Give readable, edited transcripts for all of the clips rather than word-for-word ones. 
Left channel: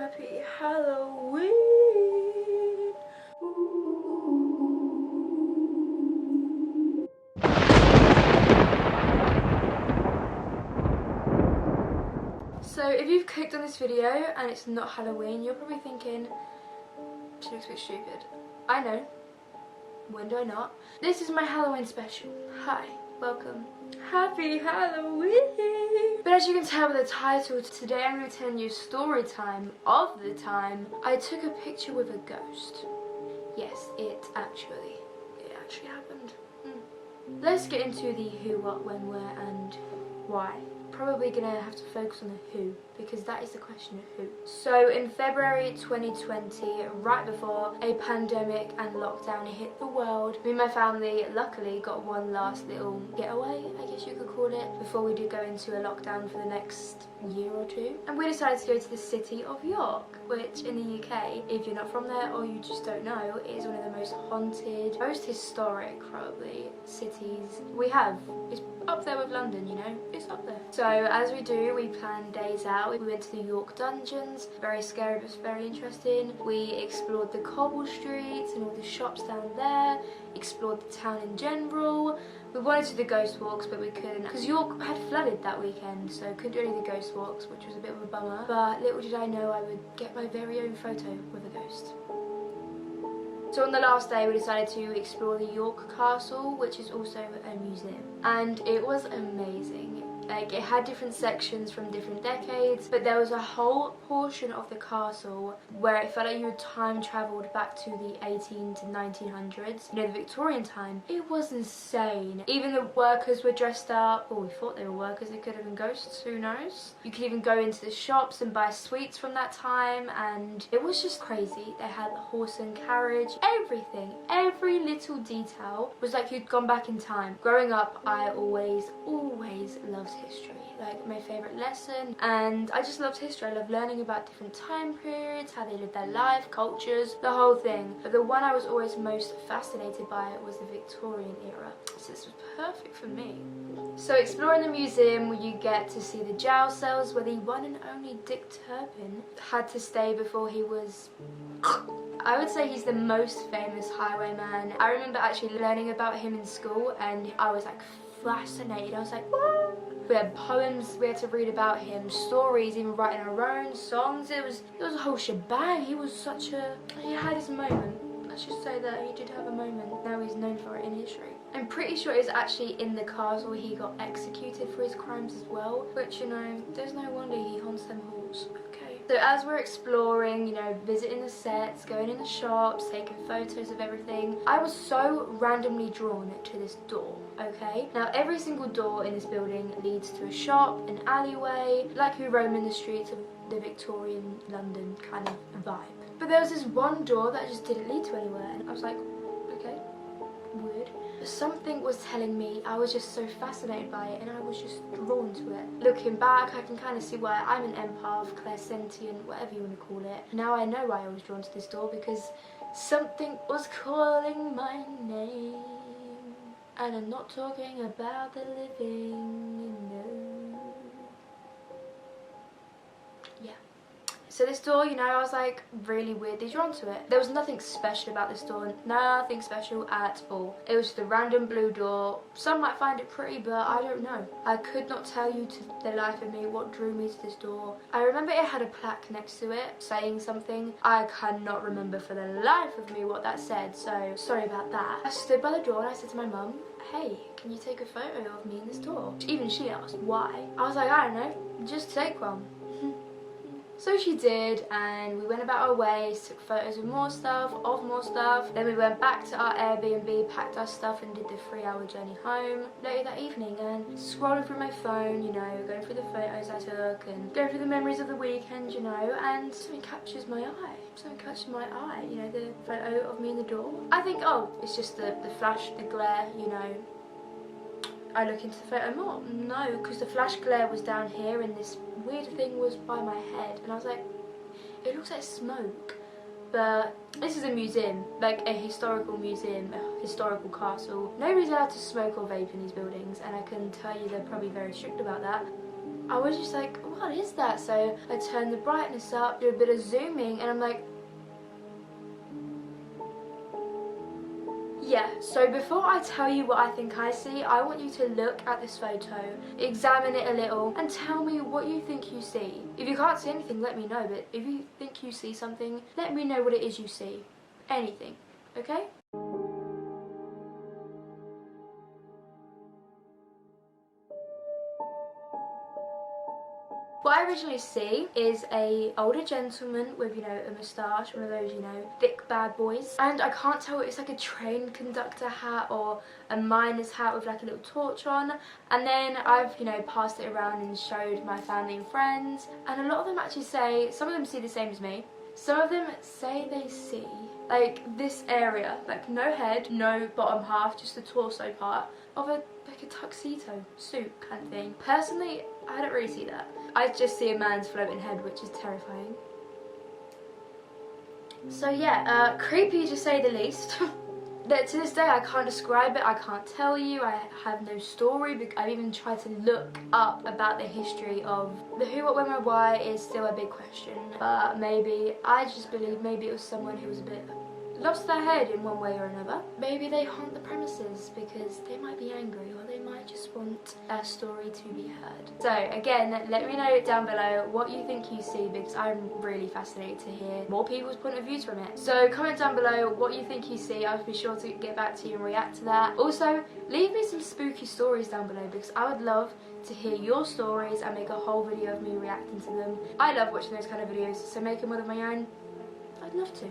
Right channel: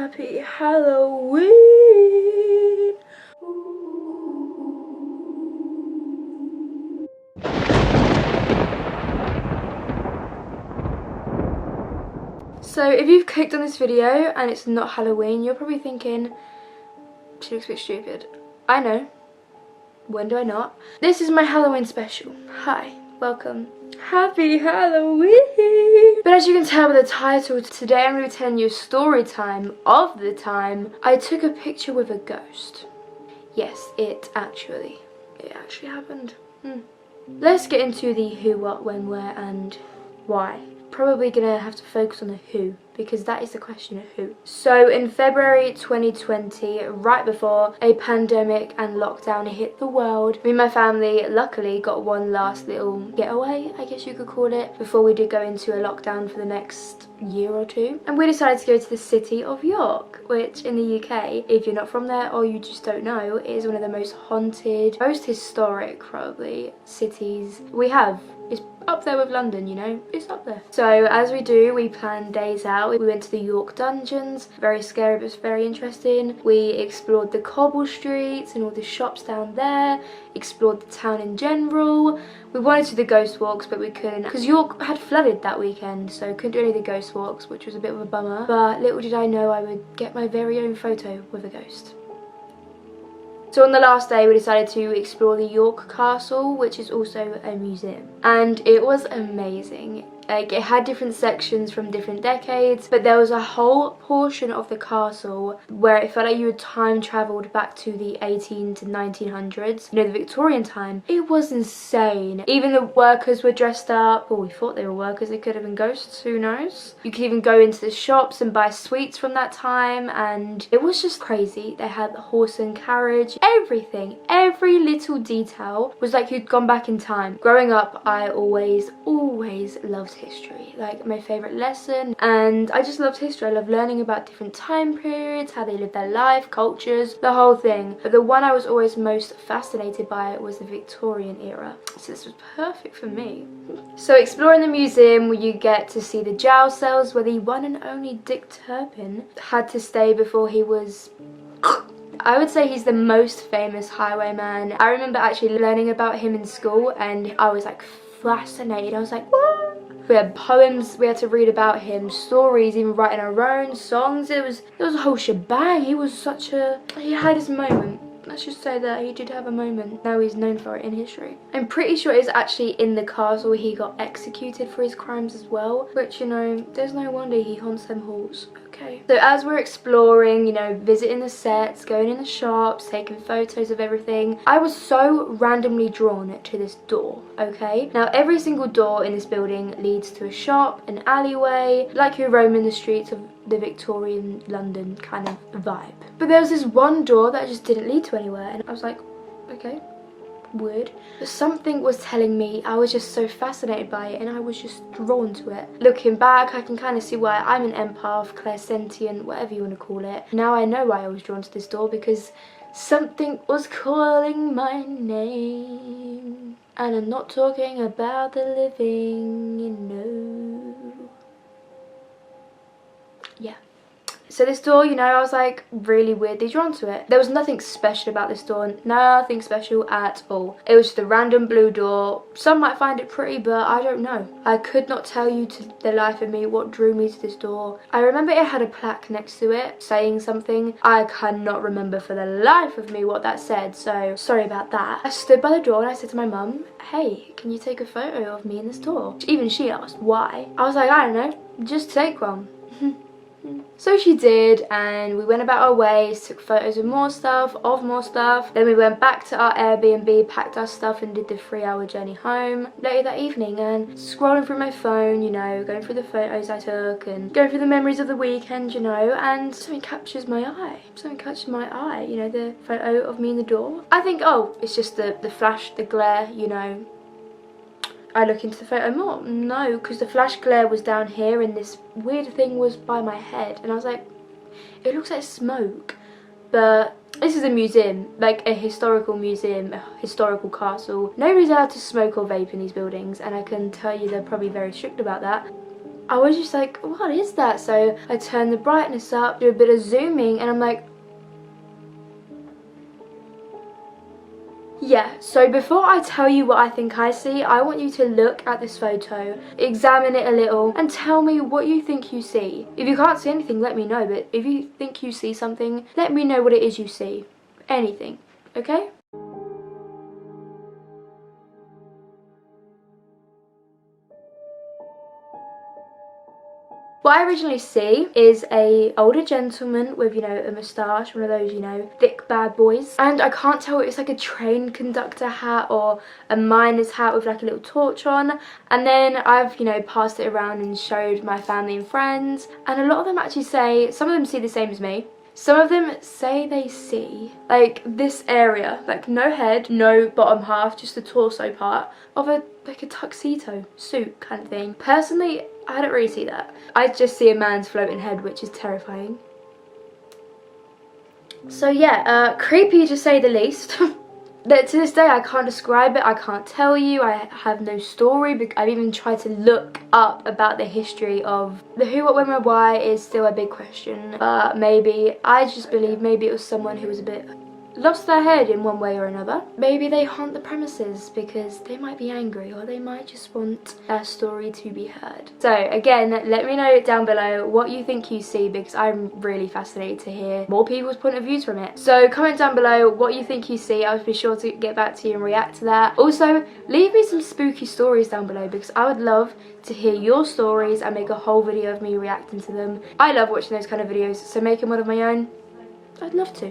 Happy Halloween! So if you've clicked on this video and it's not Halloween, you're probably thinking, she looks a bit stupid. I know. When do I not? This is my Halloween special. Hi, welcome. Happy Halloween! But as you can tell by the title, today I'm going to be telling you a story time of the time I took a picture with a ghost. Yes, it actually happened. Let's get into the who, what, when, where and why. Probably gonna have to focus on the who, because that is the question of who. So in February 2020, right before a pandemic and lockdown hit the world, me and my family luckily got one last little getaway, I guess you could call it, before we did go into a lockdown for the next year or two. And we decided to go to the city of York, which in the UK, if you're not from there or you just don't know, is one of the most haunted, most historic probably cities we have. It's up there with London, you know, it's up there. So as we do, we planned days out. We went to the York dungeons, very scary but very interesting. We explored the cobble streets and all the shops down there, explored the town in general. We wanted to do the ghost walks but we couldn't because York had flooded that weekend, so couldn't do any of the ghost walks, which was a bit of a bummer. But little did I know I would get my very own photo with a ghost. So on the last day we decided to explore the York Castle, which is also a museum, and it was amazing. Like, it had different sections from different decades, but there was a whole portion of the castle where it felt like you had time travelled back to the 18 to 1900s, you know, the Victorian time. It was insane. Even the workers were dressed up. Well, we thought they were workers, they could have been ghosts, who knows. You could even go into the shops and buy sweets from that time, and it was just crazy. They had the horse and carriage, everything, every little detail was like you'd gone back in time. Growing up, I always loved history, like my favourite lesson, and I just loved history. I love learning about different time periods, how they lived their life, cultures, the whole thing. But the one I was always most fascinated by was the Victorian era, so this was perfect for me. So exploring the museum, you get to see the jail cells where the one and only Dick Turpin had to stay before he was I would say he's the most famous highwayman. I remember actually learning about him in school and I was like fascinated. I was like, what? We had poems we had to read about him, stories, even writing our own songs. It was a whole shebang. He had his moment. Let's just say that he did have a moment. Now he's known for it in history. I'm pretty sure it's actually in the castle he got executed for his crimes as well, which, you know, there's no wonder he haunts them halls. Okay. So as we're exploring, you know, visiting the sets, going in the shops, taking photos of everything, I was so randomly drawn to this door, okay? Now every single door in this building leads to a shop, an alleyway, like you roam in the streets of the Victorian London kind of vibe. But there was this one door that just didn't lead to anywhere, and I was like, okay, weird. But something was telling me, I was just so fascinated by it and I was just drawn to it. Looking back, I can kind of see why I'm an empath, clairsentient, whatever you want to call it. Now I know why I was drawn to this door, because something was calling my name. And I'm not talking about the living, you know. Yeah. So this door, you know, I was like really weirdly drawn to it. There was nothing special about this door, nothing special at all. It was just a random blue door. Some might find it pretty, but I don't know. I could not tell you to the life of me what drew me to this door. I remember it had a plaque next to it saying something. I cannot remember for the life of me what that said, so sorry about that. I stood by the door and I said to my mum, hey, can you take a photo of me in this door? Even she asked why. I was like, I don't know, just take one. So she did, and we went about our ways, took photos of more stuff. Then we went back to our Airbnb, packed our stuff and did the 3-hour journey home later that evening, and scrolling through my phone, you know, going through the photos I took and going through the memories of the weekend, you know, and something catches my eye. You know, the photo of me in the door. I think, oh, it's just the flash, the glare, you know. I look into the photo more. No, because the flash glare was down here and this weird thing was by my head. And I was like, it looks like smoke. But this is a museum, like a historical museum, a historical castle. Nobody's allowed to smoke or vape in these buildings, and I can tell you they're probably very strict about that. I was just like, what is that? So I turn the brightness up, do a bit of zooming, and I'm like, yeah. So before I tell you what I think I see, I want you to look at this photo, examine it a little, and tell me what you think you see. If you can't see anything, let me know, but if you think you see something, let me know what it is you see. Anything, okay? What I originally see is a older gentleman with, you know, a moustache, one of those, you know, thick bad boys. And I can't tell, it's like a train conductor hat or a miner's hat with like a little torch on. And then I've, you know, passed it around and showed my family and friends. And a lot of them actually say, some of them see the same as me. Some of them say they see, like, this area, like no head, no bottom half, just the torso part of like a tuxedo suit kind of thing. Personally, I don't really see that. I just see a man's floating head, which is terrifying. So yeah, creepy to say the least. To this day I can't describe it, I can't tell you, I have no story. I've even tried to look up about the history of the who, what, when, where, why is still a big question. Maybe, I just believe maybe it was someone who was a bit lost their head in one way or another. Maybe they haunt the premises because they might be angry, or they might just want their story to be heard. So again, let me know down below what you think you see, because I'm really fascinated to hear more people's point of views from it. So comment down below what you think you see. I'll be sure to get back to you and react to that. Also, leave me some spooky stories down below, because I would love to hear your stories and make a whole video of me reacting to them. I love watching those kind of videos, so making one of my own, I'd love to.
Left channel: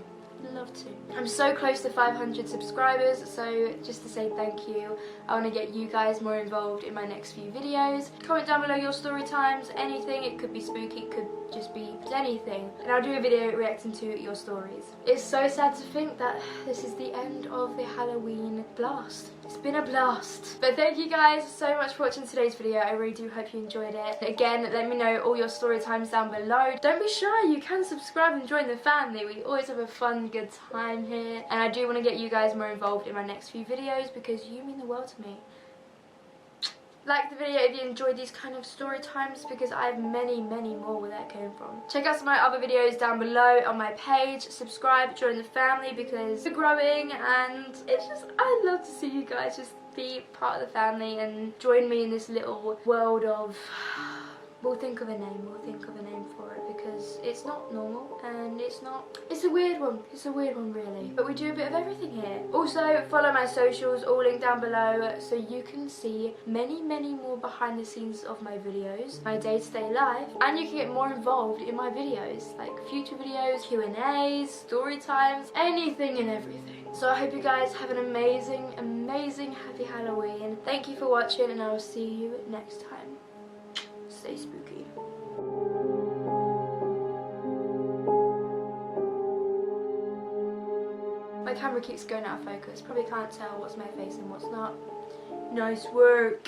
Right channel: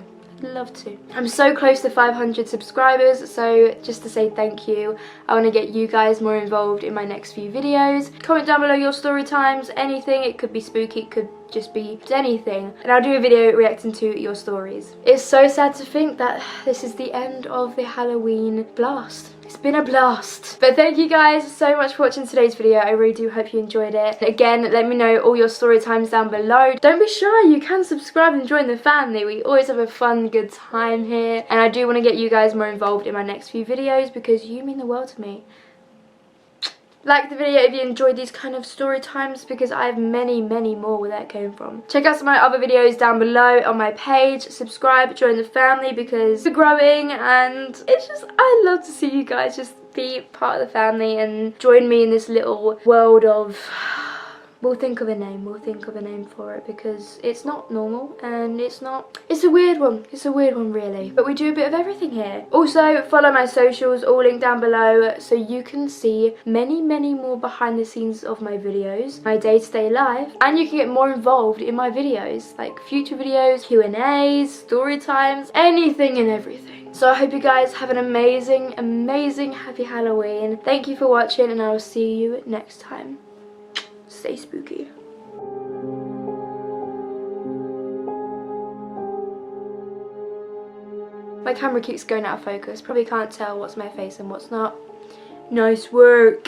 Love to. I'm so close to 500 subscribers, so just to say thank you, I want to get you guys more involved in my next few videos. Comment down below your story times, anything. It could be spooky, it could just be anything, and I'll do a video reacting to your stories. It's so sad to think that this is the end of the Halloween blast. It's been a blast. But thank you guys so much for watching today's video. I really do hope you enjoyed it. Again, let me know all your story times down below. Don't be shy, you can subscribe and join the family. We always have a fun, good time here. And I do want to get you guys more involved in my next few videos, because you mean the world to me. Like the video if you enjoyed these kind of story times, because I have many, many more where that came from. Check out some of my other videos down below on my page. Subscribe, join the family, because we're growing, and it's just, I love to see you guys just be part of the family and join me in this little world of... We'll think of a name for it, because it's not normal, and it's a weird one, really. But we do a bit of everything here. Also, follow my socials, all linked down below, so you can see many, many more behind the scenes of my videos, my day-to-day life, and you can get more involved in my videos, like future videos, Q&As, story times, anything and everything. So I hope you guys have an amazing, amazing happy Halloween. Thank you for watching, and I will see you next time. Stay spooky. My camera keeps going out of focus. Probably can't tell what's my face and what's not. Nice work.